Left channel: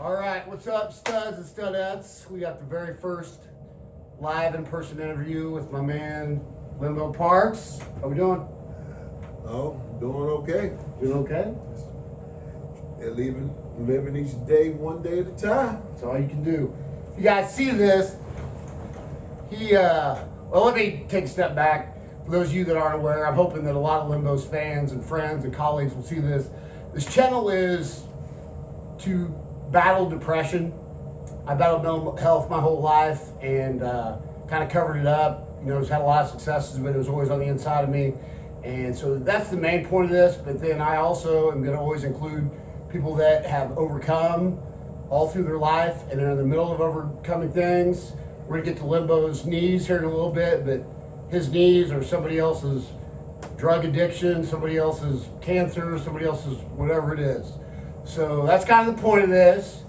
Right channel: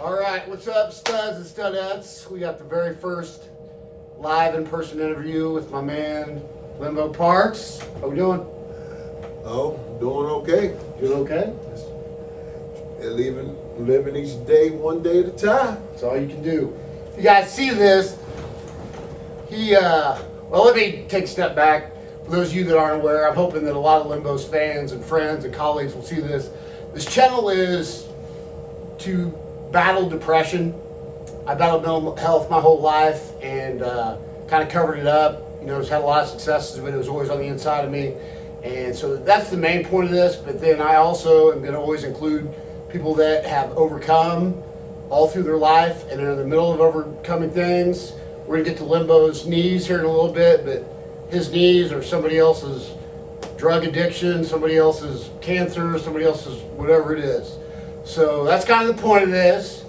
All right, what's up, studs and studettes? We got the very first live in-person interview with my man, Limbo Parks. How we doing? Oh, doing okay. Doing okay? Living each day one day at a time. That's all you can do. If you guys see this, well, let me take a step back. For those of you that aren't aware, I'm hoping that a lot of Limbo's fans and friends and colleagues will see this. This channel is to battle depression. I battled mental health my whole life and kind of covered it up. You know, just had a lot of successes, but it was always on the inside of me. And so that's the main point of this. But then I also am going to always include people that have overcome all through their life and are in the middle of overcoming things. We're going to get to Limbo's knees here in a little bit, but his knees are somebody else's drug addiction, somebody else's cancer, somebody else's whatever it is. So that's kind of the point of this.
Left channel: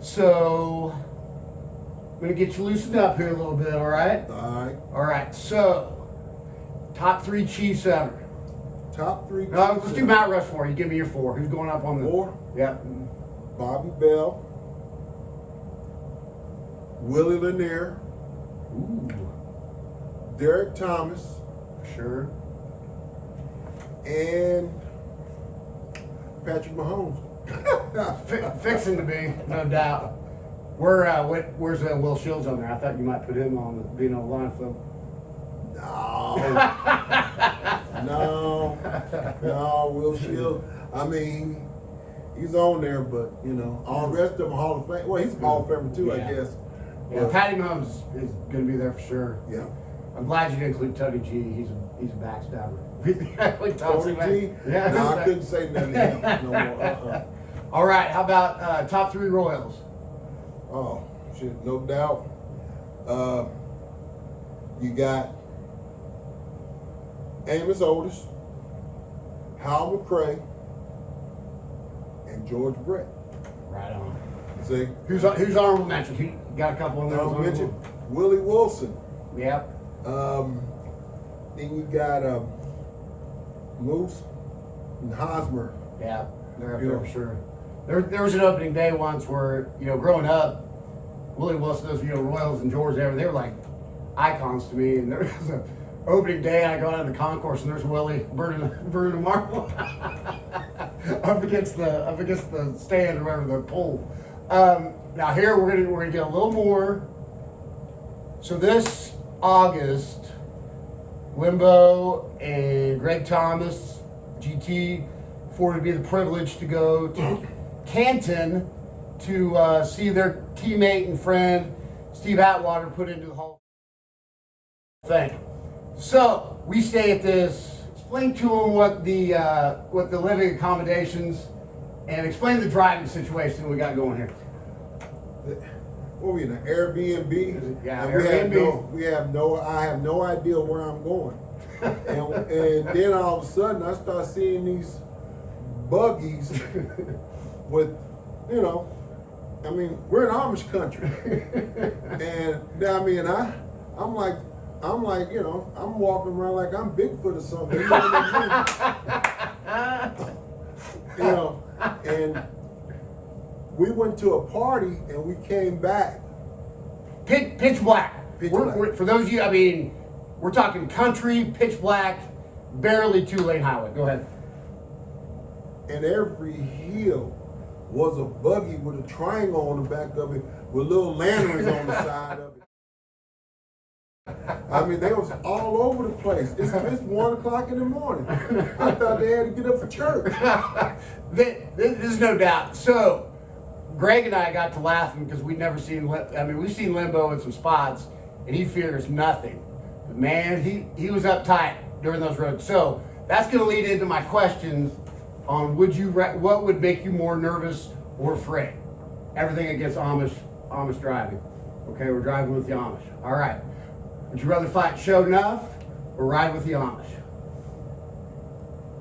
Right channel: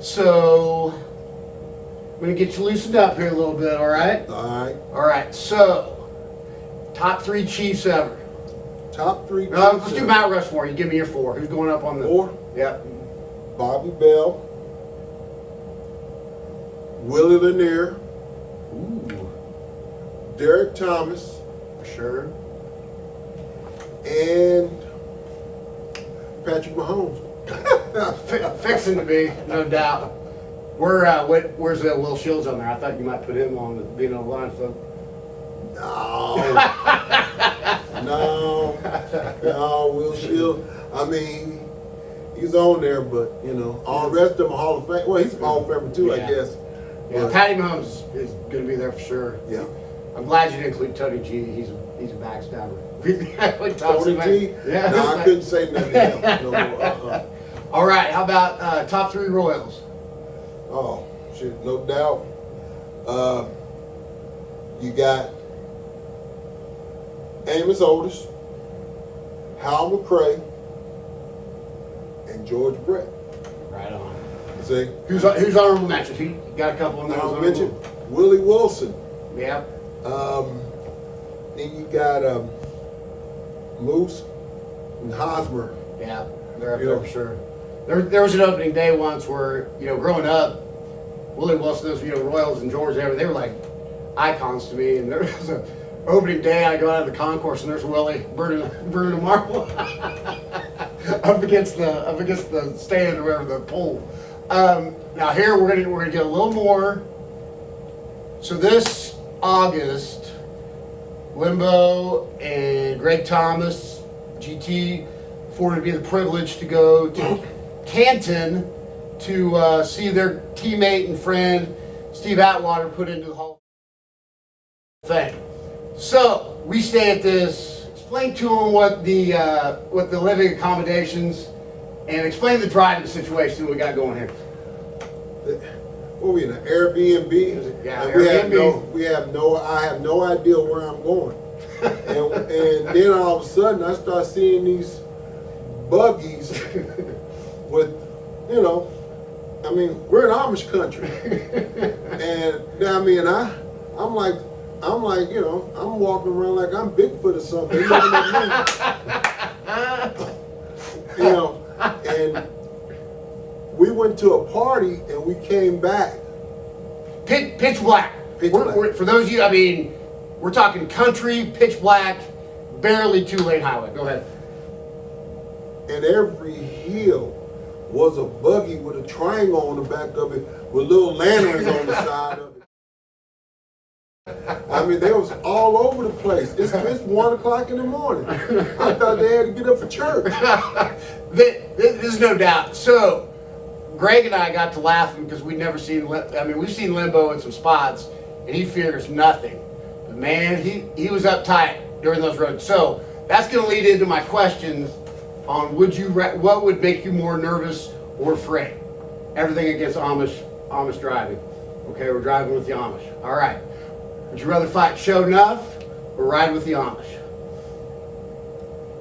So I'm going to get you loosened up here a little bit, all right? All right. All right, so top three Chiefs ever. Top three. Let's do Mount Rushmore. You give me your four. Who's going up on the... Four? Yep. Bobby Bell. Willie Lanier. Ooh, Derek Thomas. for sure. And Patrick Mahomes. Fixing to be, no doubt. Where's Will Shields on there? I thought you might put him on the being on the line, so... No, Will Shield. I mean, he's on there, but you know, all the rest of them are Hall of Fame. Well, he's a Hall of Famer too, I guess. Yeah, But, Patty Mahomes is going to be there for sure. yeah. I'm glad you didn't include Tony G. He's a backstabber. Tony G. Yeah. No, I couldn't say nothing to him. No, All right, how about top three Royals? Oh, shit, no doubt. You got Amos Otis, Hal McRae, and George Brett. Right on. See? Who's honorable mention? You got a couple of I'll those. mention Willie Wilson. Yep. Then you got Moose and Hosmer. Yeah, they're up there for sure. There was an opening day once where, you know, growing up, Willie Wilson, those, you know, Royals and George, they were like icons to me. And there was an opening day, I go out of the concourse and there's Willie burning a marble up against the stand or whatever, the pole. Now here we're gonna get a little more. So this August, Limbo and Greg Thomas, GT, afforded me the privilege to go to Canton to see their teammate and friend Steve Atwater put into the Hall of Fame. So we stay at this. Explain to them what the living accommodations and explain the driving situation we got going here. What are we in an Airbnb? Yeah, And Airbnb. I have no idea where I'm going. and then all of a sudden I start seeing these buggies with, you know, I mean, we're in Amish country. And I mean, I'm like, you know, I'm walking around like I'm Bigfoot or something. You know what I mean? You know, and we went to a party and we came back. Pitch black. For those of you, I mean, we're talking country, pitch black, barely 2-lane highway. Go ahead. And every hill was a buggy with a triangle on the back of it with little lanterns on the side of it. I mean, they was all over the place. It's 1 o'clock in the morning. I thought they had to get up for church. There's no doubt. So, Greg and I got to laughing because we'd never seen, we've seen Limbo in some spots, and he fears nothing. But man, he was uptight during those roads. So, that's going to lead into my questions on what would make you more nervous or afraid? Everything against Amish driving. Okay, we're driving with the Amish. All right. Would you rather fight Show Enough or ride with the Amish?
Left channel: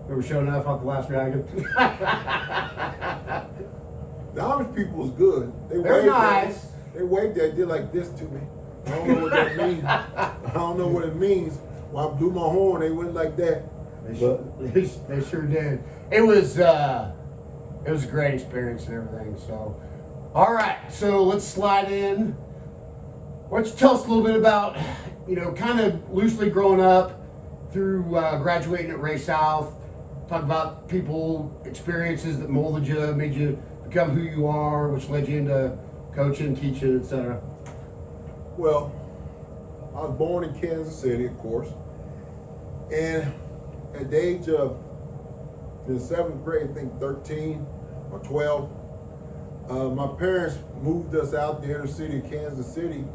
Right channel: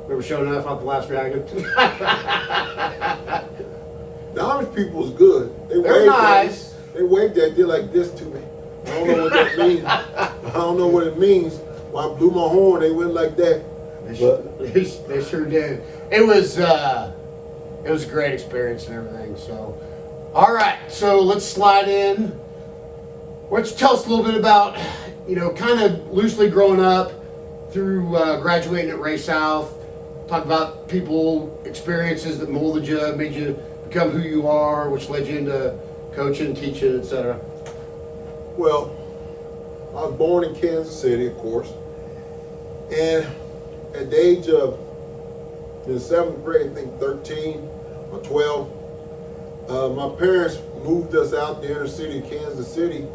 Remember Show Enough off the last dragon? The Amish people was good. They're nice. They waved that, did like this to me. I don't know what that means. I don't know what it means. When I blew my horn, they went like that. They sure did. It was a great experience and everything. So All right, so let's slide in. Why don't you tell us a little bit about, kind of loosely growing up through graduating at Ray South. Talk about people, experiences that molded you, made you become who you are, which led you into coaching, teaching, etc. Well, I was born in Kansas City, of course, and at the age of in the 7th grade, I think 13 or 12, my parents moved us out the inner city of Kansas City,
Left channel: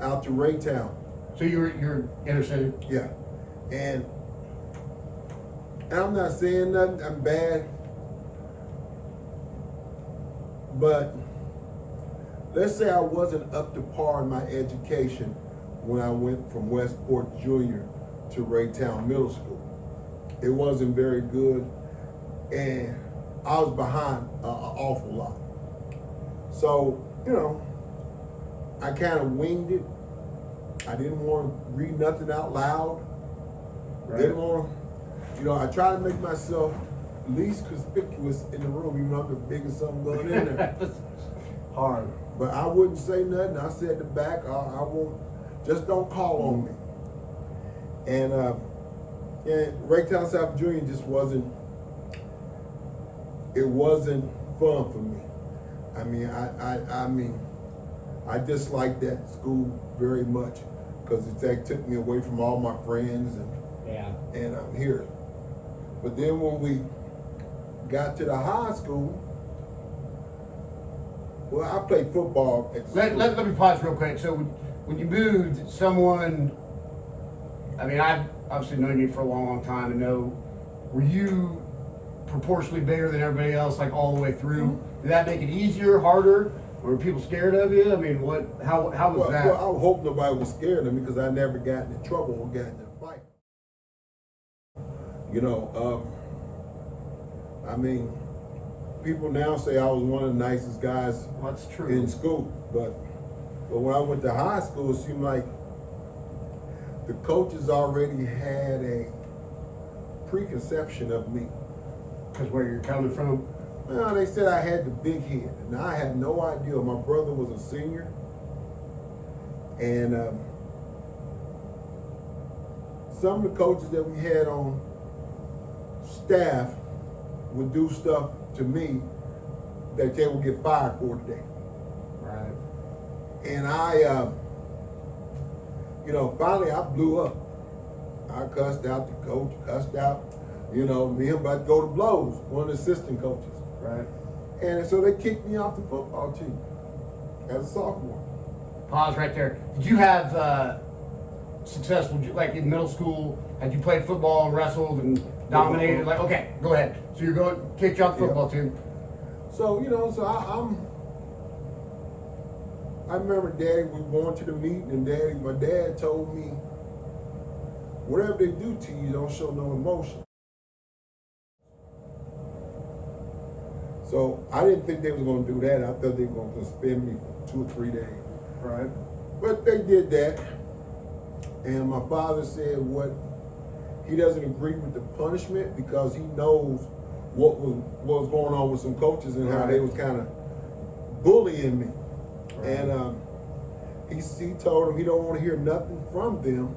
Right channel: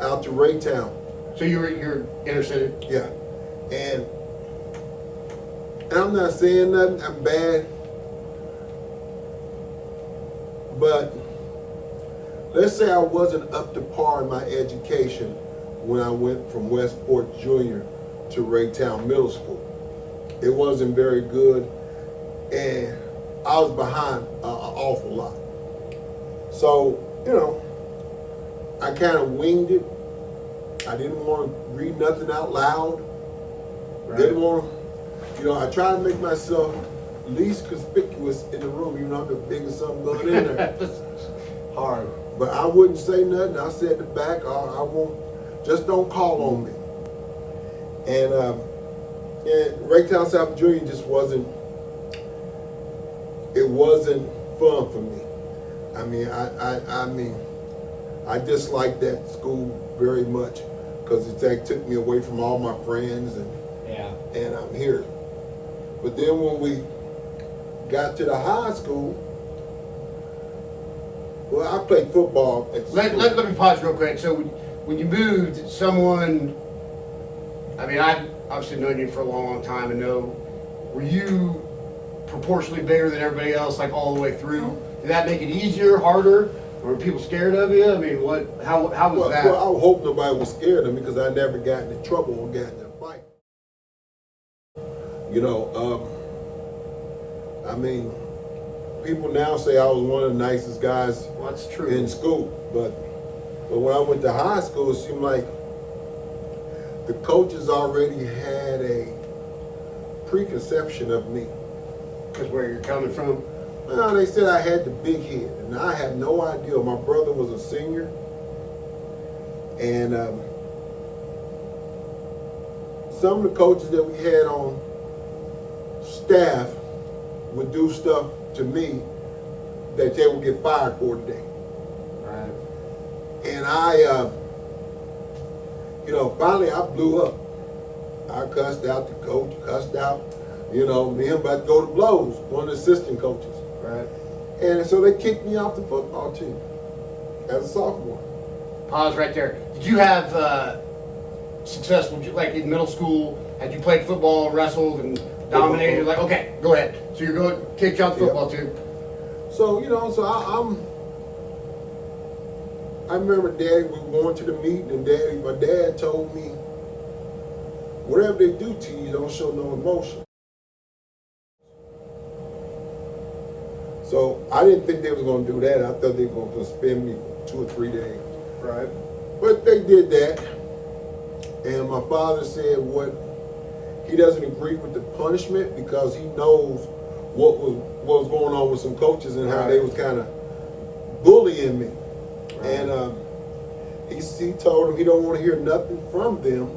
out to Raytown. So you're inner city? Yeah, and I'm not saying nothing I'm bad, but let's say I wasn't up to par in my education when I went from Westport Junior to Raytown Middle School. It wasn't very good, and I was behind an awful lot. So, I kind of winged it. I didn't want to read nothing out loud. Right. Didn't want to, I try to make myself least conspicuous in the room, even though I'm the biggest something going in there. Hard. But I wouldn't say nothing. I said the back, I won't, just don't call on me. And Raytown South Junior just wasn't fun for me. I disliked that school very much because it took me away from all my friends and I'm here. But then when we got to the high school, well, I played football at school. Let me pause real quick. So when you moved, someone, I've obviously known you for a long, long time and were you proportionally bigger than everybody else, like all the way through? Did that make it easier, harder? Were people scared of you? How was that? Well, I would hope nobody was scared of me because I never got into trouble or got in a fight. People now say I was one of the nicest guys That's true. in school, but when I went to high school, it seemed like the coaches already had a preconception of me. Because where you're coming from? Well, they said I had the big head, and I had no idea. My brother was a senior, and some of the coaches that we had on staff would do stuff to me that they would get fired for today. Right. And finally I blew up. I cussed out the coach, cussed out, me and him about to go to blows, one of the assistant coaches. Right. And so they kicked me off the football team as a sophomore. Pause right there. Did you have successful, like in middle school, had you played football and wrestled and dominated? Like, okay, go ahead. So you're going to kick you off the football team. So, I remember Daddy, we were going to the meeting, and my dad told me, whatever they do to you, don't show no emotion. So I didn't think they was going to do that. I thought they were going to suspend me for 2 or 3 days. Right. But they did that. And my father said he doesn't agree with the punishment because he knows what was going on with some coaches and how they was kind of bullying me. Right. And he told him he don't want to hear nothing from them.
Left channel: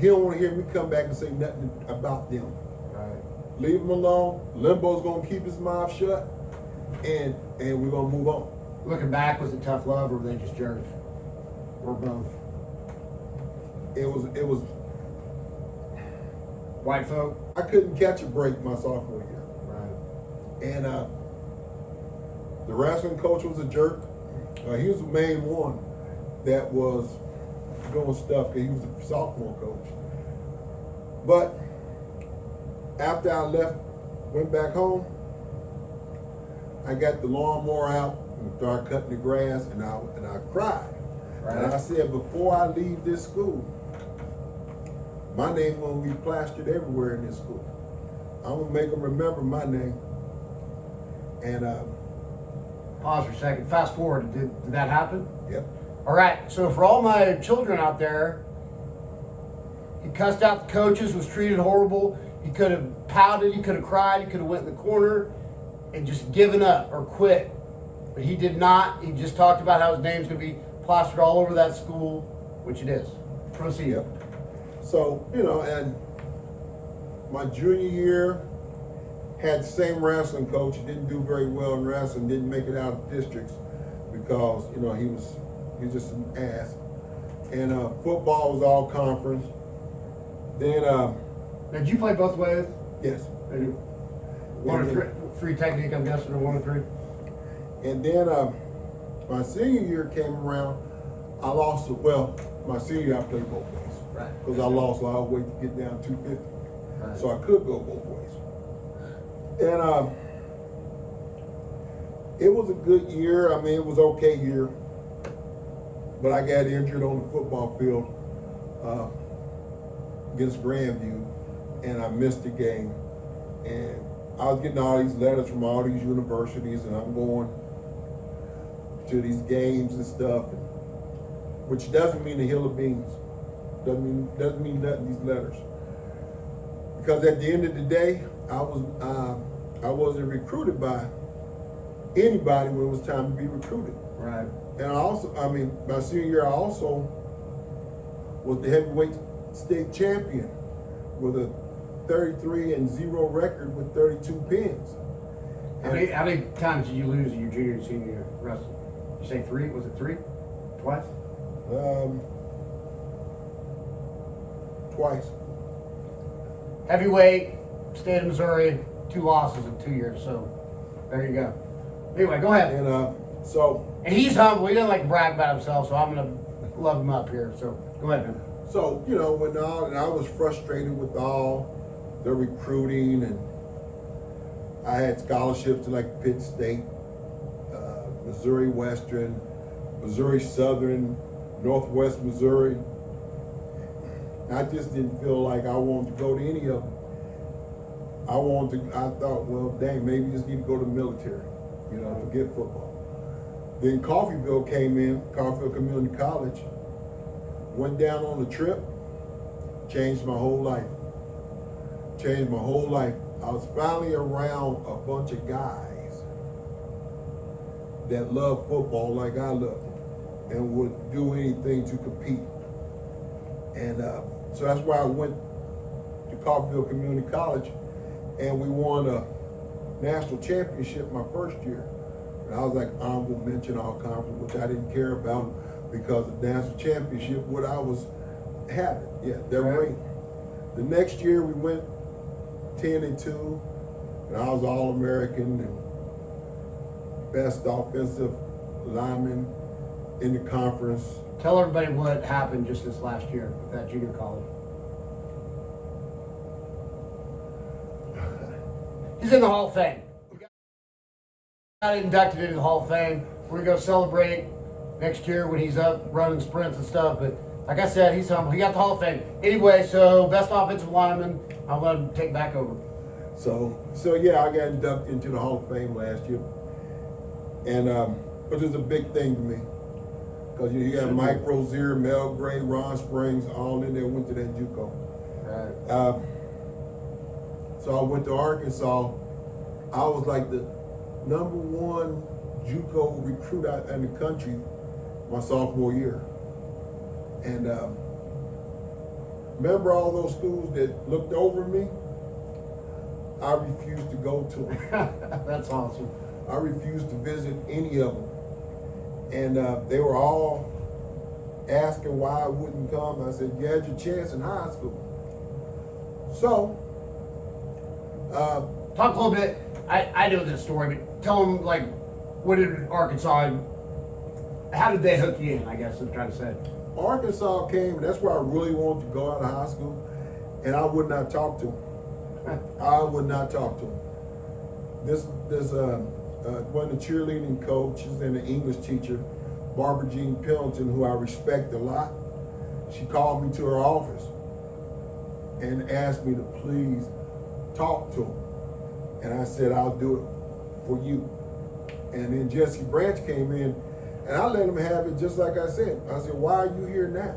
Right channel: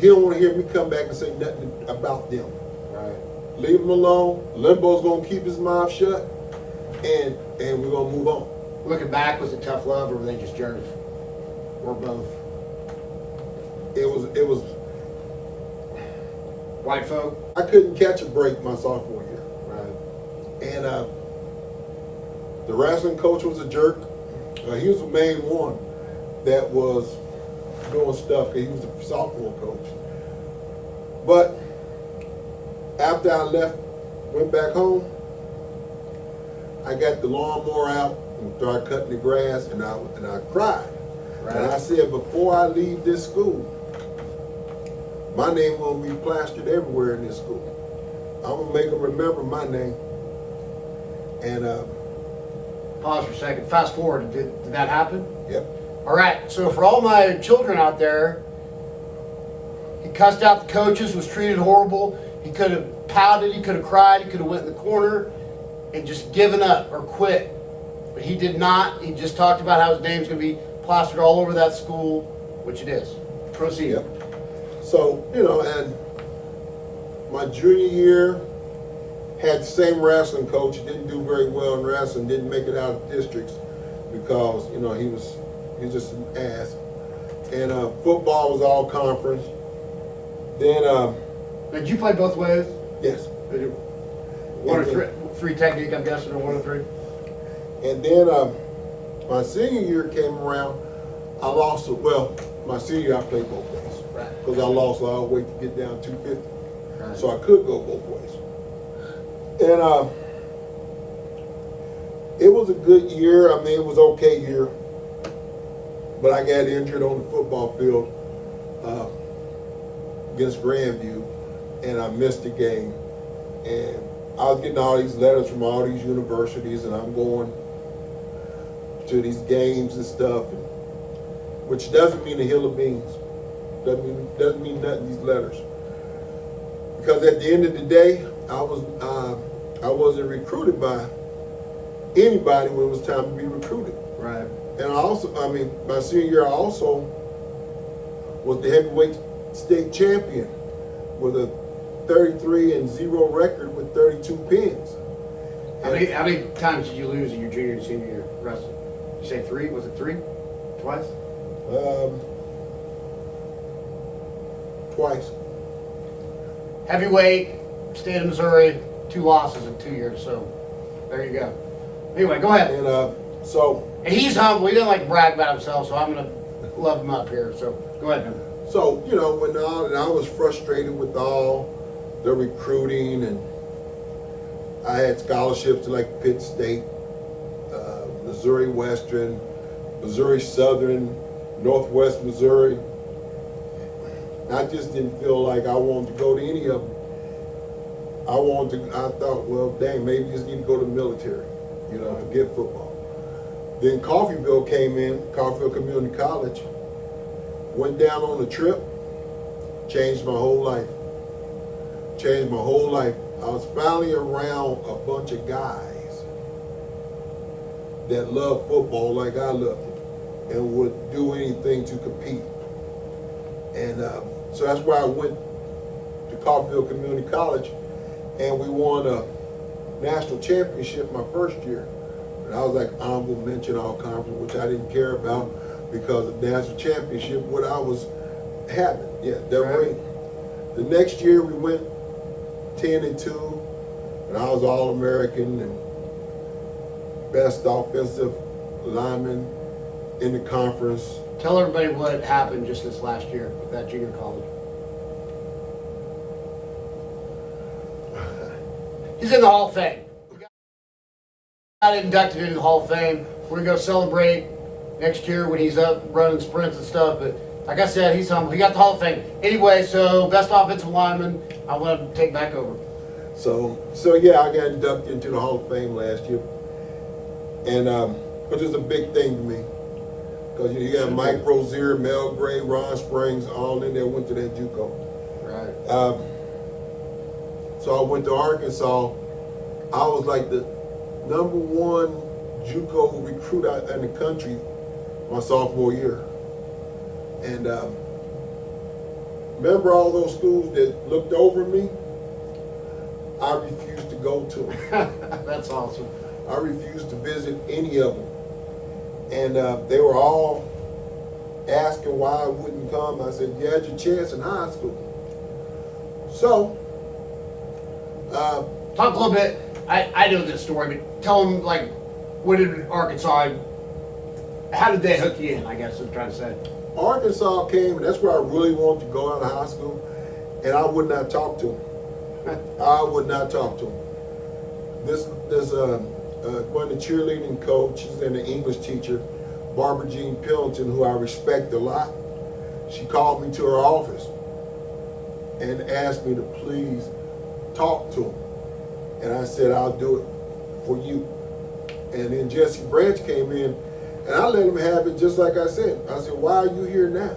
He don't want to hear me come back and say nothing about them. Right. Leave him alone. Limbo's gonna keep his mouth shut, and we're gonna move on. Looking back, was it tough love or were they just jerks? Or both? It was White folk? I couldn't catch a break my sophomore year. Right. And the wrestling coach was a jerk. He was the main one that was doing stuff because he was the sophomore coach. But after I went back home, I got the lawnmower out and started cutting the grass, and I cried. Right. And I said, before I leave this school, my name gonna be plastered everywhere in this school. I'm gonna make them remember my name. And pause for a second. Fast forward. Did that happen? Yep. All right. So for all my children out there, he cussed out the coaches, was treated horrible. He could have pouted. He could have cried. He could have went in the corner and just given up or quit. But he did not. He just talked about how his name's going to be plastered all over that school, which it is. Proceed. Yeah. So, and my junior year had the same wrestling coach. He didn't do very well in wrestling, didn't make it out of districts because, he was just an ass. And football was all conference. Then, Did you play both ways? yes. Did you- One or three technique, I'm guessing, or 1 or 3? And then my senior year came around. I lost, my senior year I played both ways. Right. Because I lost a lot of weight to get down 250. Right. So I could go both ways. And it was a good year. I mean, it was okay year. But I got injured on the football field against Grandview, and I missed the game. And I was getting all these letters from all these universities, and I'm going to these games and stuff, which doesn't mean a hill of beans. Doesn't mean nothing, these letters. Because at the end of the day, I wasn't recruited by anybody when it was time to be recruited. Right. And my senior year, I also was the heavyweight state champion with a 33-0 record with 32 pins. How many times did you lose in your junior and senior year wrestling? You say 3? Was it 3? Twice? Twice. Heavyweight, state of Missouri, 2 losses in 2 years. So there you go. Anyway, go ahead. And And he's humble. He doesn't like to brag about himself, so I'm gonna love him up here. So go ahead, man. so when I was frustrated with all the recruiting, and I had scholarships to like Pitt State, Missouri Western, Missouri Southern, Northwest Missouri. I just didn't feel like I wanted to go to any of them. I thought, well, dang, maybe just need to go to the military, forget football. Then Coffeyville came in, Coffeyville Community College, went down on a trip, changed my whole life. Changed my whole life. I was finally around a bunch of guys that love football like I loved it and would do anything to compete. And so that's why I went to Coffeyville Community College, and we won a national championship my first year. And I was like honorable mention all conference, which I didn't care about because the national championship, what I was having. Yeah, that ring. The next year we went 10-2, and I was All-American and best offensive lineman in the conference. Tell everybody what happened just this last year with that junior college. He's in the Hall of Fame. We got inducted into the Hall of Fame. We're gonna go celebrate next year when he's up running sprints and stuff. But like I said, he's humble. He got the Hall of Fame. Anyway, so best offensive lineman. I want him to take back over. So yeah, I got inducted into the Hall of Fame last year, and which is a big thing to me. Because you got Mike Rozier, Mel Gray, Ron Springs, all in there, went to that JUCO. Right. So I went to Arkansas. I was like the #1 JUCO recruit out in the country my sophomore year. And remember all those schools that looked over me? I refused to go to them. That's awesome. I refused to visit any of them. And they were all asking why I wouldn't come. I said, you had your chance in high school. So, talk a little bit. I know this story, but tell them, like, what did Arkansas, how did they hook you in, I guess I'm trying to say. Arkansas came, and that's where I really wanted to go out of high school, and I would not talk to them. I would not talk to them. This one of the cheerleading coaches and the English teacher, Barbara Jean Pillington, who I respect a lot, she called me to her office and asked me to please talk to him. And I said, I'll do it for you. And then Jesse Branch came in, and I let him have it just like I said. I said, why are you here now?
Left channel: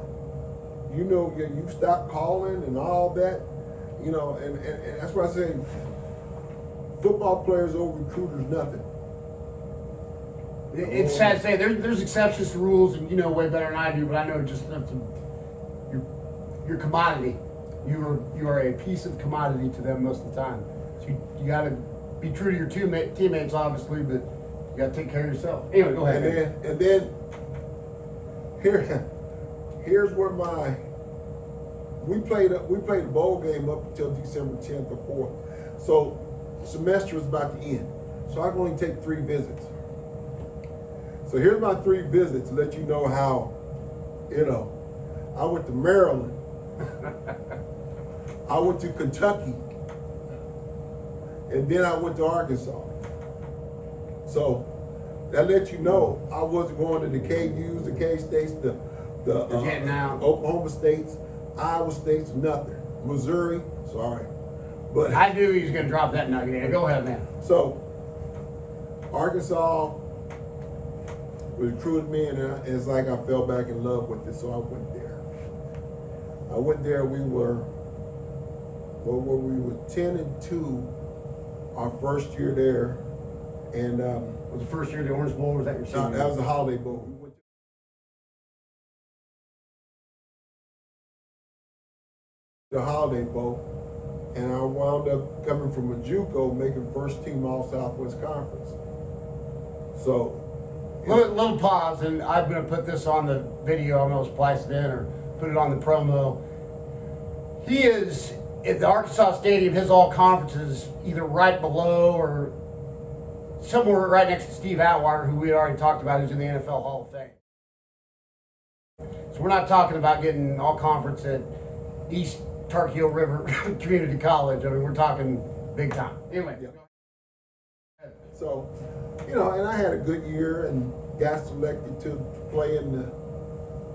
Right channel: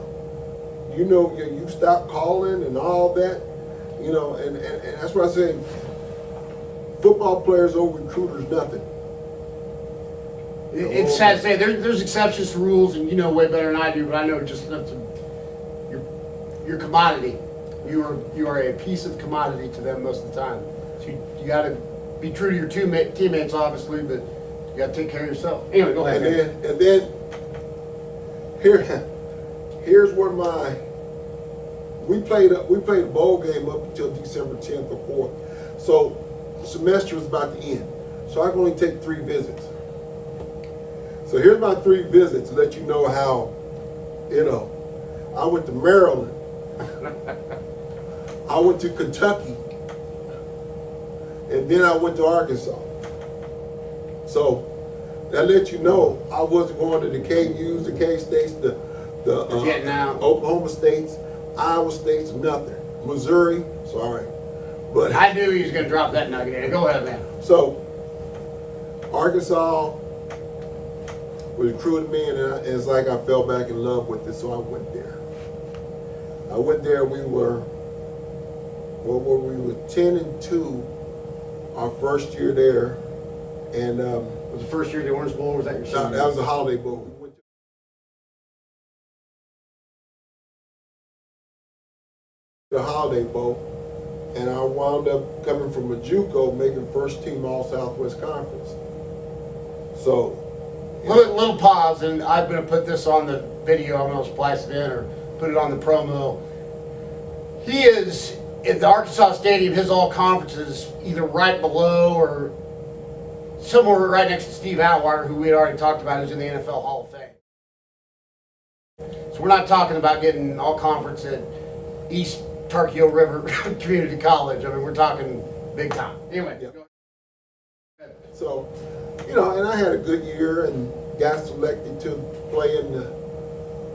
You know, you stopped calling and all that, and that's why I say football players over recruiters, nothing. It's sad to say there's exceptions to rules, and you know way better than I do. But I know just your commodity. You are a piece of commodity to them most of the time. So you got to be true to your teammates, obviously, but you got to take care of yourself. Anyway, go ahead. And then here's where we played a bowl game up until December 10th or 4th. So the semester is about to end. So I can only take 3 visits. So here's my 3 visits to let you know how, I went to Maryland. I went to Kentucky. And then I went to Arkansas. So that lets you know I wasn't going to the KUs, the K-States, the Oklahoma States, Iowa States, nothing. Missouri, sorry. But I knew he was going to drop that nugget in. Go ahead, man. So Arkansas recruited me, and it's like I fell back in love with it, so I went there. We were 10-2 our first year there, and was the first year of the Orange Bowl, or was that your senior? That was the Holiday Bowl. We went to the Holiday Bowl, and I wound up coming from a JUCO, making first team All Southwest Conference. So, little pause, and I'm going to put this on the video. I'm going to splice it in or put it on the promo. He is at the Arkansas Stadium. His all conferences either right below or somewhere right next to Steve Atwater, who we had already talked about, who's in the NFL Hall of Fame. So we're not talking about getting all conference at East Turkey River Community College. I mean, we're talking big time. Anyway. Yeah. Go ahead. So, and I had a good year and got selected to play in the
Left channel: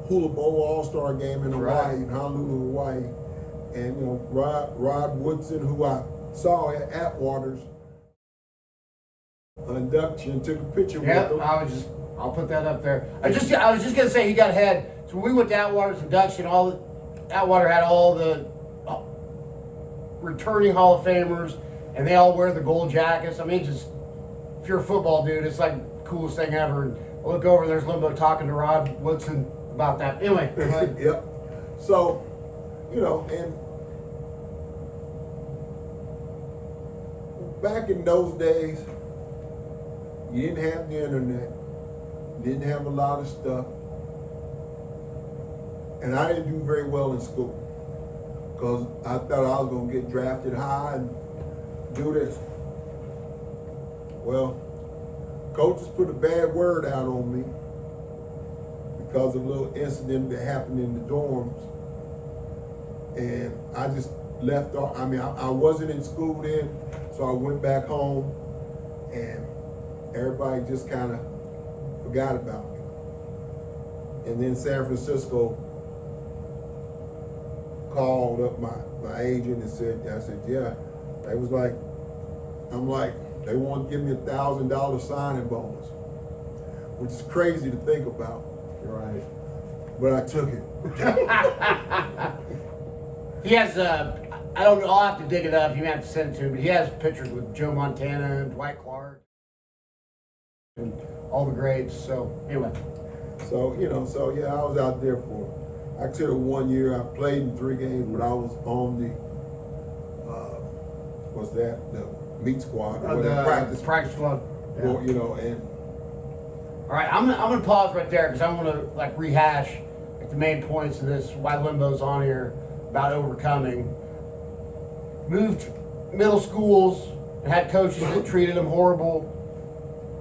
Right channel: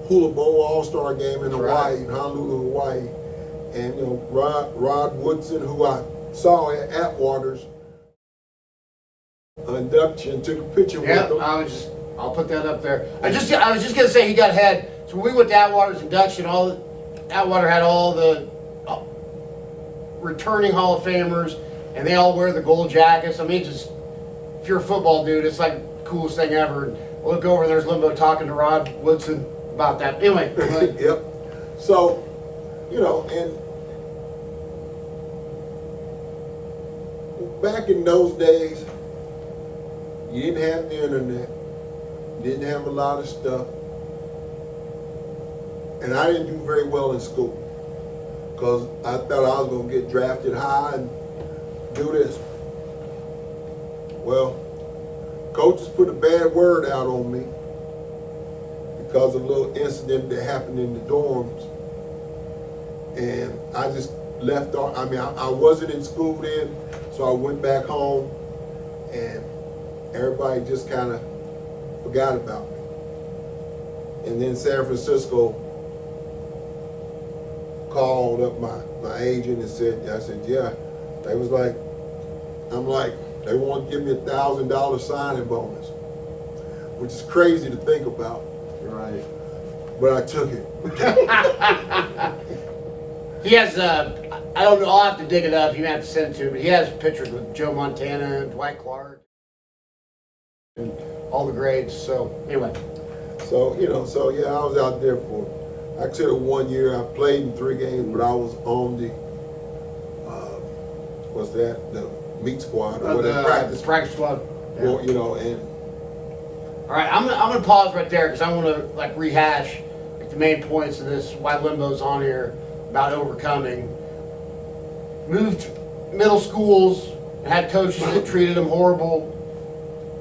Hula Bowl All-Star game in Hawaii, in Honolulu, Hawaii. And Rod Woodson, who I saw at Atwater's induction, took a picture with him. I'll put that up there. I was just gonna say he got ahead. So when we went to Atwater's induction, Atwater had all the returning Hall of Famers, and they all wear the gold jackets. I mean, just if you're a football dude, it's like the coolest thing ever. And I look over, and there's Limbo talking to Rod Woodson about that. Anyway. Yep. So, and back in those days, you didn't have the internet, didn't have a lot of stuff, and I didn't do very well in school because I thought I was going to get drafted high and do this. Well, coaches put a bad word out on me because of a little incident that happened in the dorms, and I just left off. I mean, I wasn't in school then, so I went back home, and everybody just kind of forgot about me. And then San Francisco called up my agent and said, yeah. They was like, they want to give me $1,000 signing bonus, which is crazy to think about. Right. But I took it. He has, I don't know, I'll have to dig it up. You may have to send it to me. But he has pictures with Joe Montana and Dwight Clark and all the grades. So, anyway. So, I was out there for, I took 1 year. I played in 3 games, but I was on the, the meat squad or whatever, practice squad. Yeah. Or, and. All right, I'm gonna pause right there because I want to rehash the main points of this. Why Limbo's on here about overcoming. Moved middle schools and had coaches that treated him horrible.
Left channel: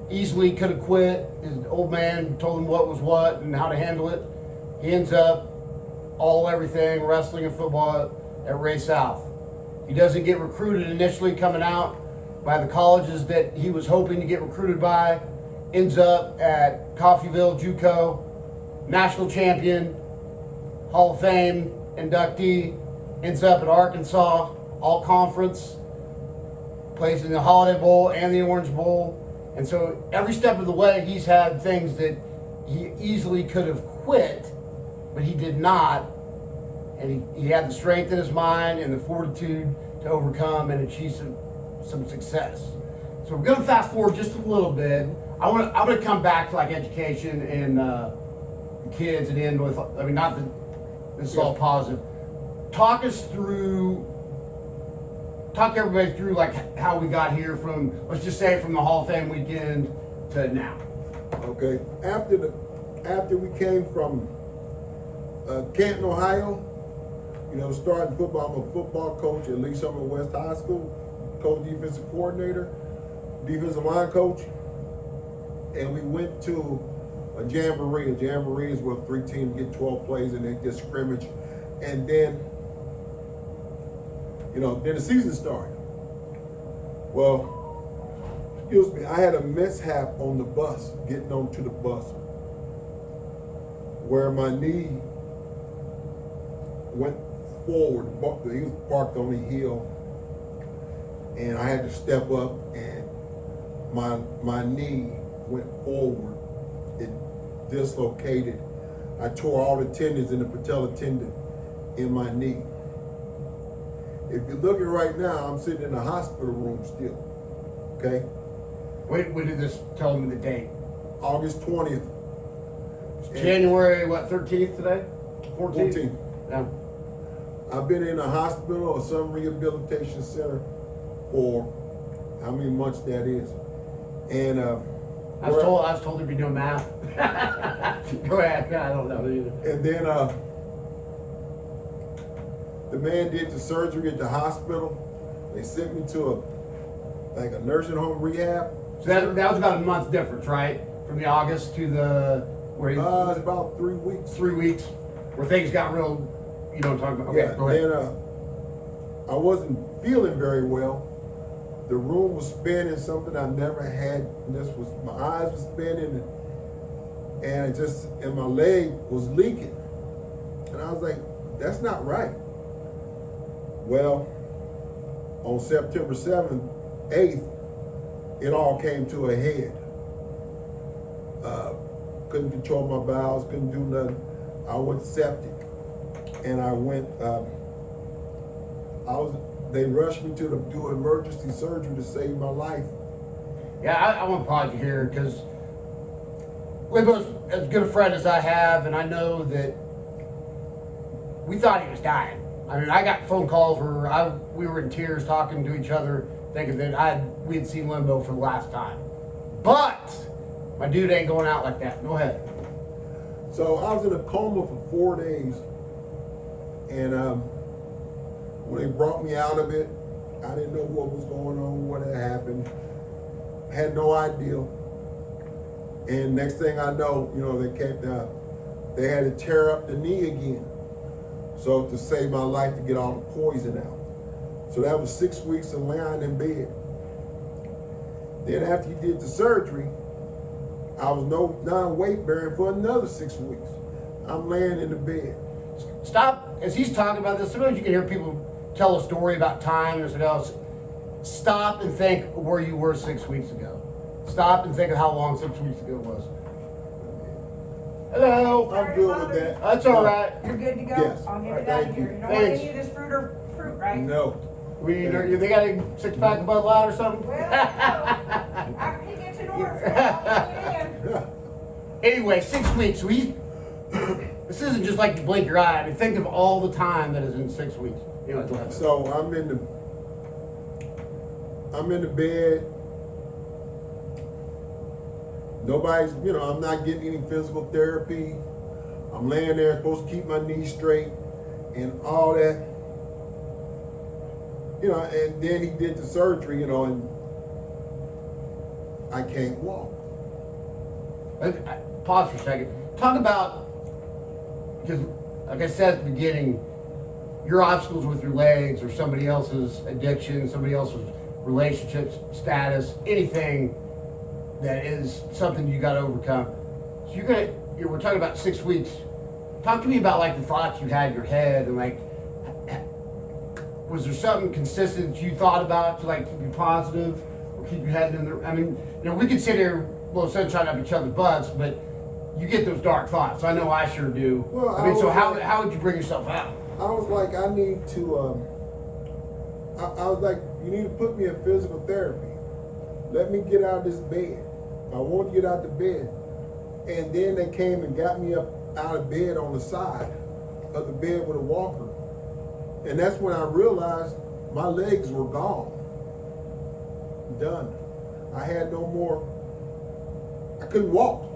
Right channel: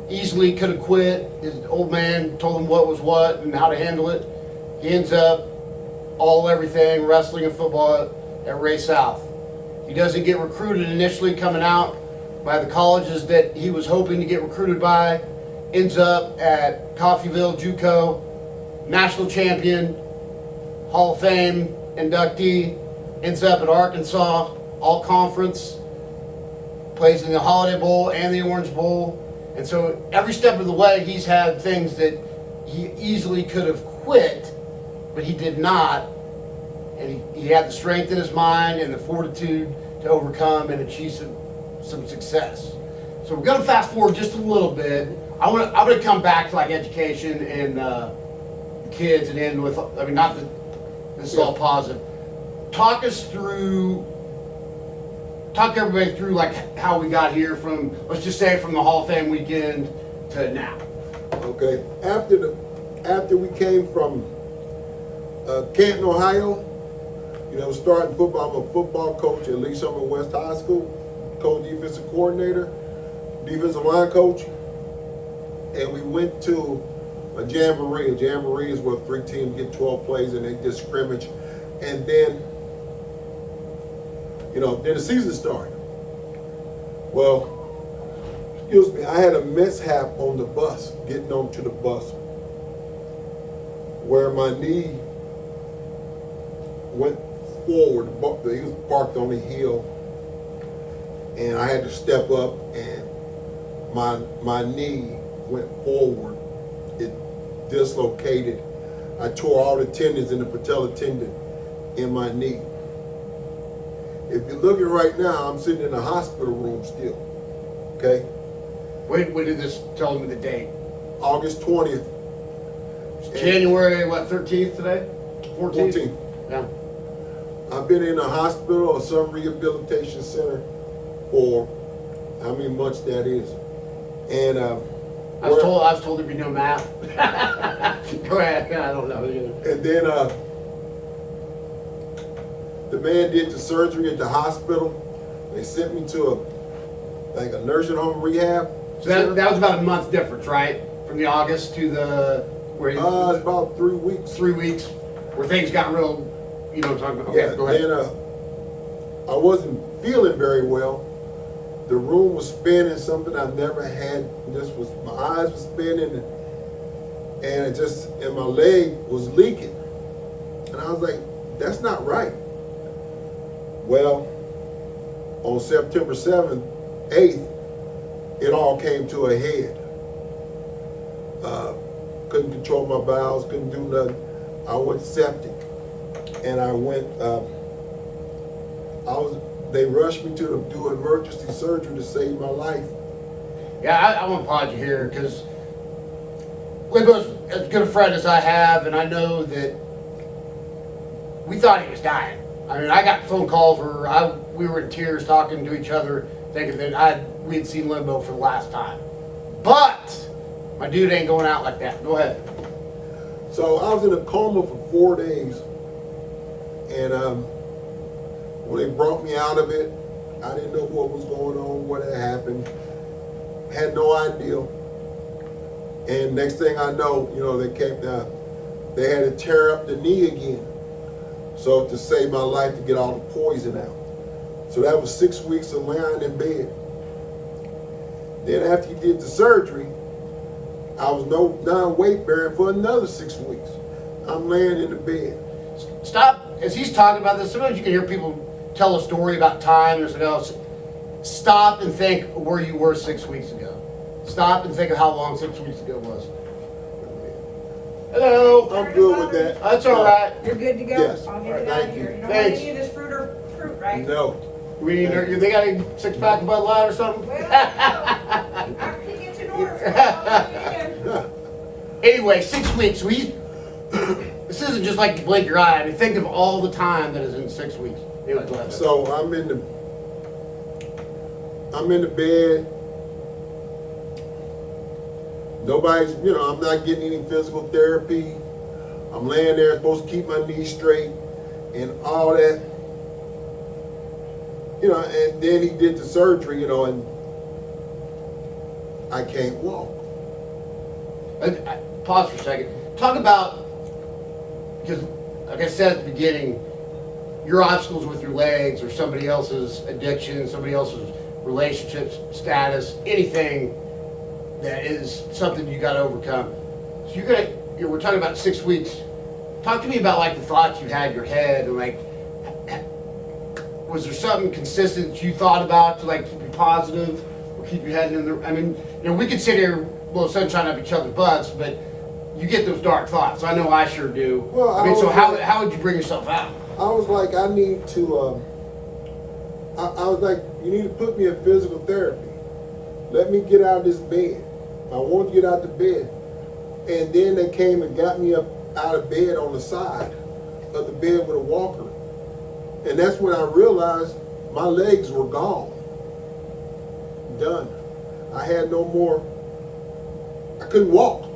Easily could have quit. His old man told him what was what and how to handle it. He ends up everything, wrestling and football at Ray South. He doesn't get recruited initially coming out by the colleges that he was hoping to get recruited by. Ends up at Coffeyville JUCO, national champion, Hall of Fame inductee. Ends up at Arkansas, all conference. Plays in the Holiday Bowl and the Orange Bowl. And so every step of the way, he's had things that he easily could have quit, but he did not. And he had the strength in his mind and the fortitude to overcome and achieve some success. So we're going to fast forward just a little bit. I'm gonna come back to like education and kids and end with. I mean, not that this is all positive. Talk everybody through like how we got here from, let's just say, from the Hall of Fame weekend to now. Okay. After we came from Canton, Ohio, starting football. I'm a football coach at Lee Summer West High School, coach, defensive coordinator, defensive line coach, and we went to a jamboree. A jamboree is where 3 teams get 12 plays and they get scrimmage, and then then the season started. Well, excuse me, I had a mishap on the bus, getting onto the bus, where my knee went forward. He was parked on the hill, and I had to step up, and my knee went forward. It dislocated. I tore all the tendons in the patella tendon in my knee. If you're looking right now, I'm sitting in a hospital room still. Okay? When did this, tell me the date? August 20th. January, 13th today? 14th? Yeah. I've been in a hospital or some rehabilitation center for how many months that is. And I was told there'd be no math. Go ahead. I don't know either. And then the man did the surgery at the hospital. They sent me to a nursing home rehab. So that was about a month difference, right? From the August to the where it's about 3 weeks. 3 weeks, where things got real. You know what I'm talking about? Okay, yeah, go ahead. Then I wasn't feeling very well. The room was spinning, something I never had. My eyes were spinning, and my leg was leaking. And I was like, that's not right. Well, on September 7th, 8th, it all came to a head. Couldn't control my bowels, couldn't do nothing. I went septic, and they rushed me to do emergency surgery to save my life. Yeah, I want to applaud you here, because Limbo's as good a friend as I have, and I know that we thought he was dying. I mean, I got phone calls where we were in tears talking to each other, thinking that we had seen Limbo for the last time. But my dude ain't going out like that. Go ahead. So I was in a coma for 4 days, and when they brought me out of it, I didn't know what was going on, what had happened. Had no idea. And next thing I know, they had to tear up the knee again. So to save my life, to get all the poison out. So that was 6 weeks of lying in bed. Then after he did the surgery, I was non weight bearing for another 6 weeks. I'm laying in the bed. Stop, as he's talking about this, sometimes you can hear people tell a story about time or something else. Stop and think where you were 6 weeks ago. Stop and think of how long 6 weeks ago was. Hello. I'm good with that. That's all right. You're good to go? Yes. I'll get All it right, out thank of here. you. You don't Thanks. want any of this fruit, right? No. We need, they got a 6-pack of Bud Light or something? Well, I can get you an order. Anyway, 6 weeks. So this isn't just like you blink your eye. I mean, think of all the time that is in 6 weeks. Anyway, go ahead. So I'm in the bed. Nobody's, I'm not getting any physical therapy. I'm laying there, supposed to keep my knees straight and all that. And then he did the surgery, and I can't walk. Pause for a second. Talk about, because like I said at the beginning, your obstacles with your legs or somebody else's addiction, somebody else's relationships, status, anything that is something you got to overcome. So we're talking about 6 weeks. Talk to me about like the thoughts you had in your head, and like, was there something consistent that you thought about to like keep you positive or keep you heading in the? I mean, we could sit here, sunshine up each other's butts, but you get those dark thoughts. I know I sure do. Well, so how would you bring yourself out? I was like, I need to. I was like, you need to put me in physical therapy. Let me get out of this bed. I wanted to get out the bed. And then they came and got me up out of bed on the side of the bed with a walker. And that's when I realized my legs were gone. Done. I had no more, I couldn't walk.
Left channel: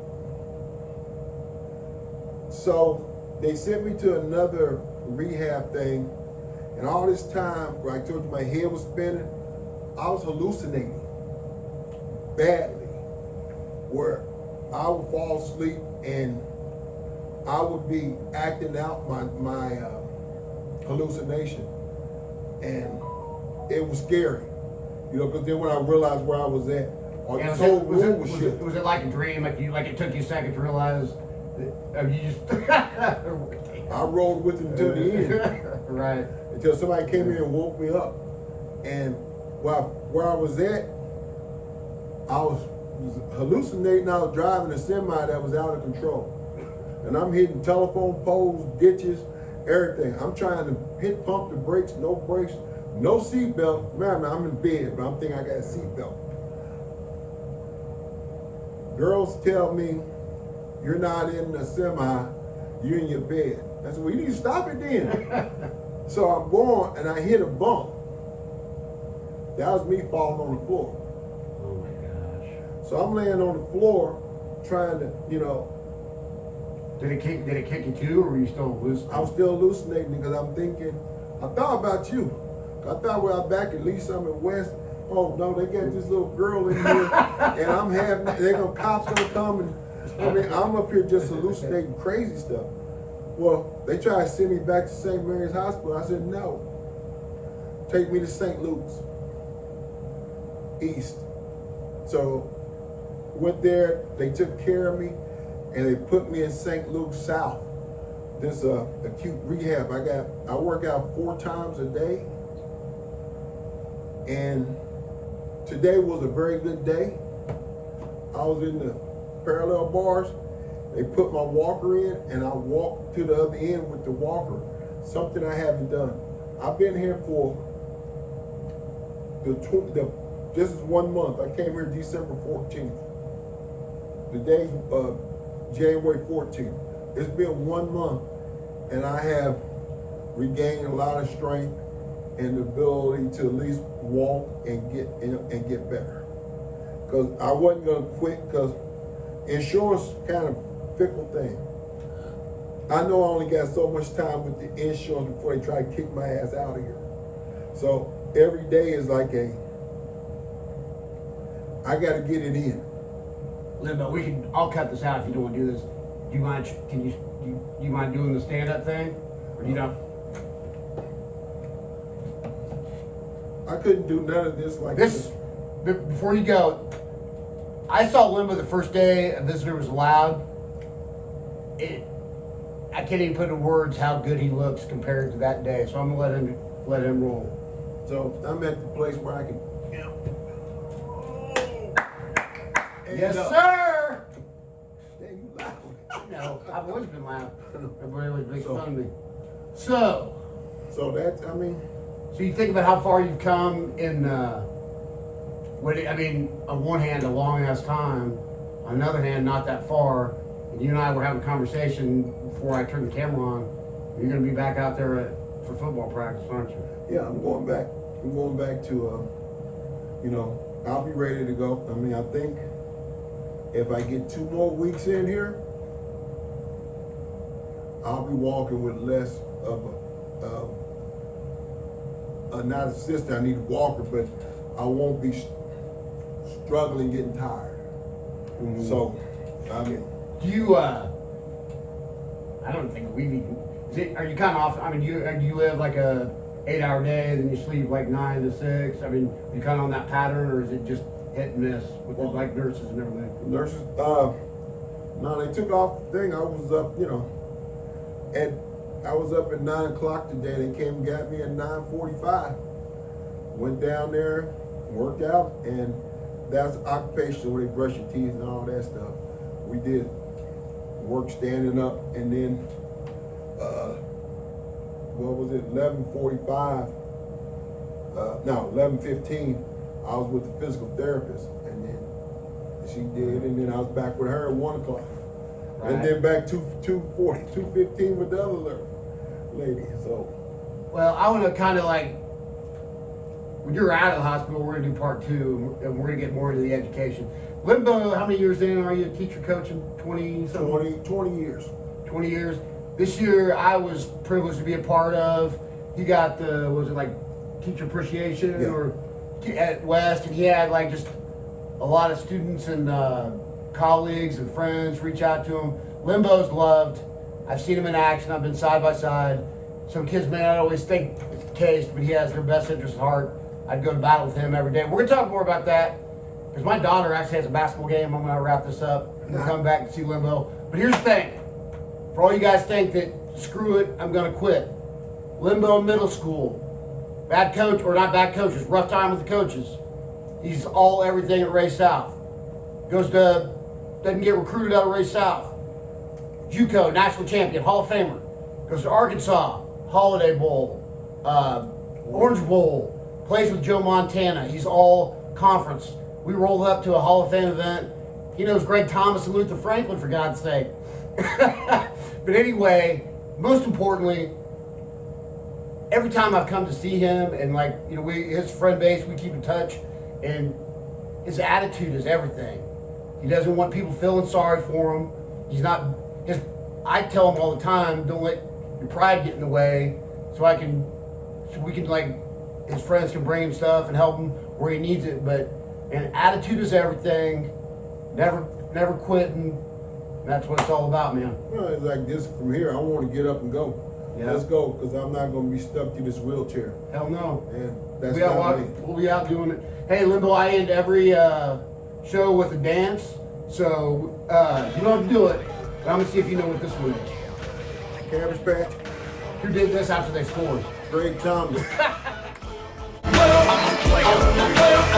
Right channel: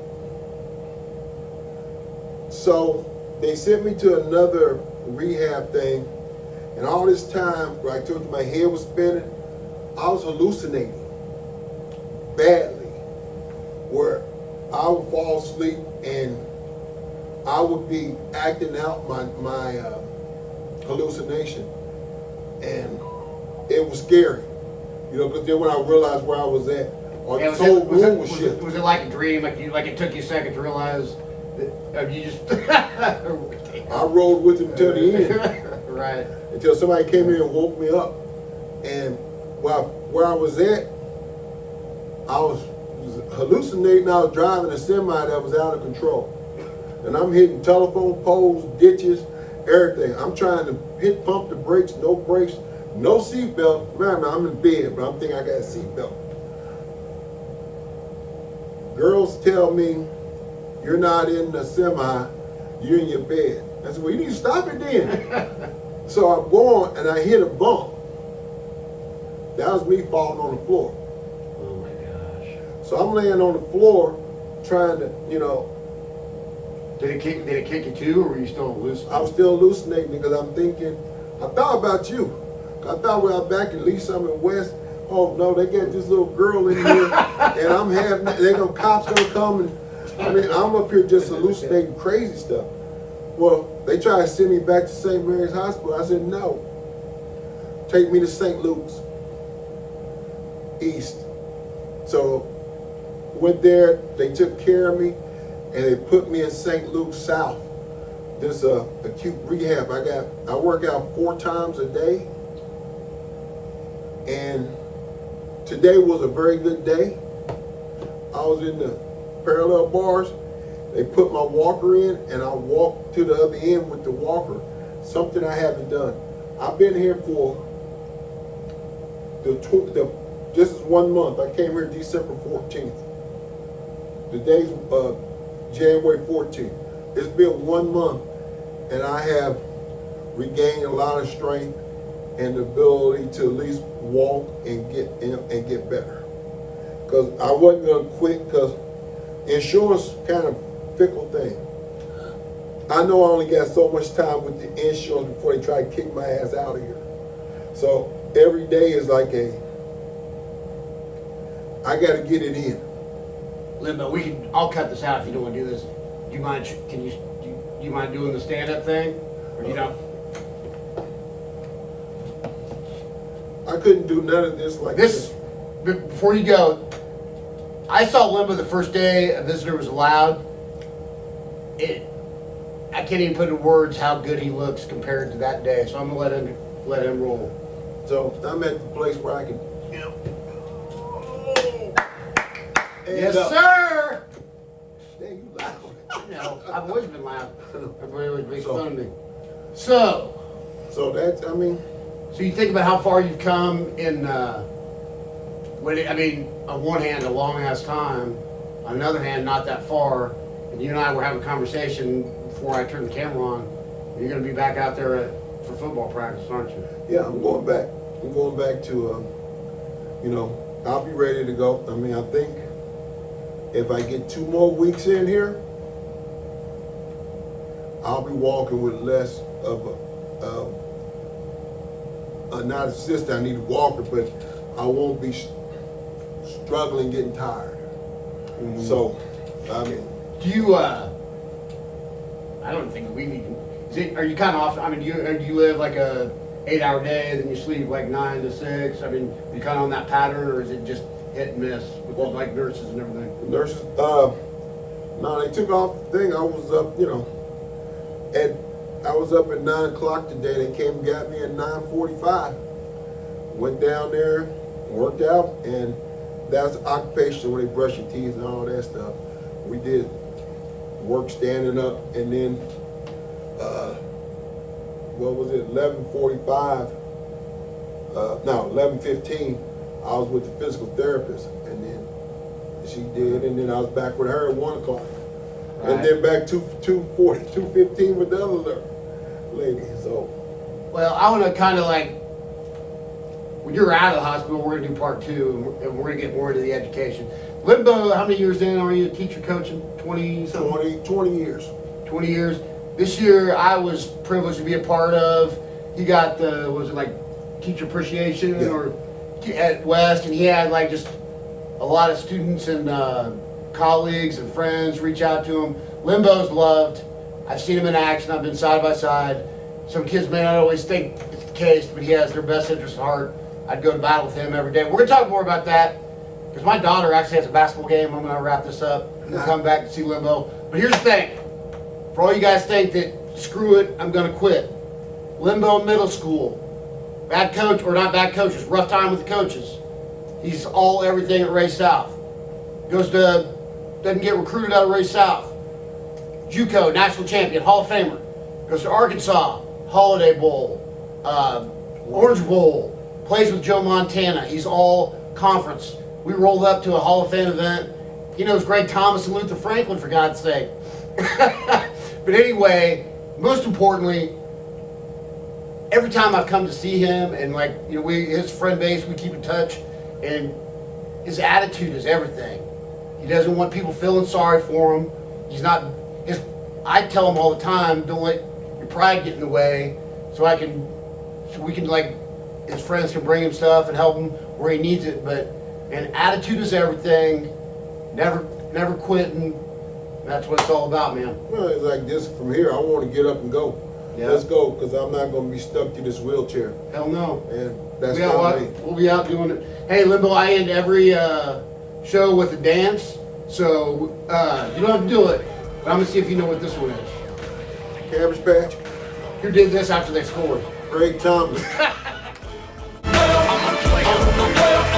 So they sent me to another rehab thing. And all this time, where I told you my head was spinning, I was hallucinating badly, where I would fall asleep and I would be acting out my hallucination, and it was scary, you know. Because then when I realized where I was at, or Yeah, this whole room was shifting. was it like a dream? Like it took you a second to realize that you just. I rode with him till the end, Right. until somebody came in and woke me up, and where I was at, I was hallucinating. I was driving a semi that was out of control. And I'm hitting telephone poles, ditches, everything. I'm trying to pump the brakes, no seatbelt. Remember, I'm in bed, but I'm thinking I got a seatbelt. Girls tell me, you're not in the semi, you're in your bed. I said, well, you need to stop it then. So I go on and I hit a bump. That was me falling on the floor. Oh my gosh. So I'm laying on the floor trying to, you know, Did it kick you too, or were you still loose? I was still hallucinating because I'm thinking, I thought about you. I thought we were back in Lee Summit West. Oh no, they got this little girl in here, and I'm having, cops gonna come, and I mean, I'm up here just hallucinating crazy stuff. Well, they tried to send me back to St. Mary's Hospital. I said no. Take me to St. Luke's East. So went there. They took care of me. And they put me in St. Luke's South, this acute rehab. I work out 4 times a day, and today was a very good day. I was in the parallel bars. They put my walker in, and I walked to the other end with the walker, something I haven't done. I've been here for this is 1 month. I came here December 14th. Today's January 14th. It's been 1 month, and I have regained a lot of strength and the ability to at least walk and get better. Because I wasn't gonna quit, because insurance kind of fickle thing. I know I only got so much time with the insurance before they try to kick my ass out of here. So every day is like I gotta get it in. Limbo, I'll cut this out if you don't want to do this. Do you mind? Do you mind doing the stand-up thing, or do you know? I couldn't do none of this like This before you go. I saw Limbo the first day a visitor was allowed. I can't even put in words how good he looks compared to that day. So I'm gonna let him roll. So I'm at the place where I can. Yes, sir. Yeah, you loud. No, I've always been loud. Everybody always makes fun of me. So that's, I mean. So you think about how far you've come in. On one hand, a long ass time. On another hand, not that far. And you and I were having a conversation before I turned the camera on. You're going to be back out there for football practice, aren't you? Yeah, I'm going back. I'm going back to, I'll be ready to go. I mean, I think if I get 2 more weeks in here, I'll be walking with less of not assistant. I need a walker, but I won't be struggling getting tired. Mm-hmm. So, I mean. Do you? I don't think we've even. Are you kind of off? I mean, do you live like a 8-hour day and then you sleep like 9 to 6? I mean, you kind of on that pattern, or is it just hit and miss with like nurses and everything? Nurses, no, they took off the thing. I was up, I was up at 9 o'clock today. They came and got me at 9:45. Went down there, worked out, and that's occupation where they brush your teeth and all that stuff. We did work standing up, and then 11:45? 11:15. I was with the physical therapist, and then She did, and then I was back with her at 1 o'clock. Right. And then back 2:40, 2:15 with the other lady. So, Well, I want to kind of like, when you're out of the hospital, we're going to do part 2, and we're going to get more into the education. Limbo, how many years in are you teacher coaching? 20 something? 20 years. 20 years. This year, I was privileged to be a part of. He got the, was it like teacher appreciation Yeah. or at West, and he had like just a lot of students and colleagues and friends reach out to him. Limbo's loved. I've seen him in action. I've been side by side. Some kids may not always think it's the case, but he has their best interest at heart. I'd go to battle with him every day. We're going to talk more about that because my daughter actually has a basketball game. I'm going to wrap this up. We'll come back and see Limbo. But here's the thing. For all you guys think that, screw it, I'm going to quit. Limbo Middle School. Bad coach, or not bad coaches, rough time with the coaches. He's all everything at Ray South. Doesn't get recruited out of Ray South. JUCO, national champion, Hall of Famer. Goes to Arkansas, Holiday Bowl, Orange Bowl. Plays with Joe Montana. He's all conference. We rolled up to a Hall of Fame event. He knows Greg Thomas and Luther Franklin, for God's sake. But anyway, most importantly, every time I've come to see him, and like, you know, his friend base, we keep in touch, and his attitude is everything. He doesn't want people feeling sorry for him. He's not, I tell him all the time, don't let your pride get in the way, so we can like, his friends can bring him stuff and help him where he needs it. And attitude is everything. Never quitting. That's what it's all about, man. well, it's like this from here. I want to get up and go. Yeah. Let's go, because I'm not going to be stuck in this wheelchair. Hell no. And that's We'll not me. be out doing it. Hey, Limbo, I end every show with a dance, so you don't have to do it. But I'm gonna see if you know what this one is. Cabbage Patch, Who did this after they scored? Greg Thomas. I'm a player.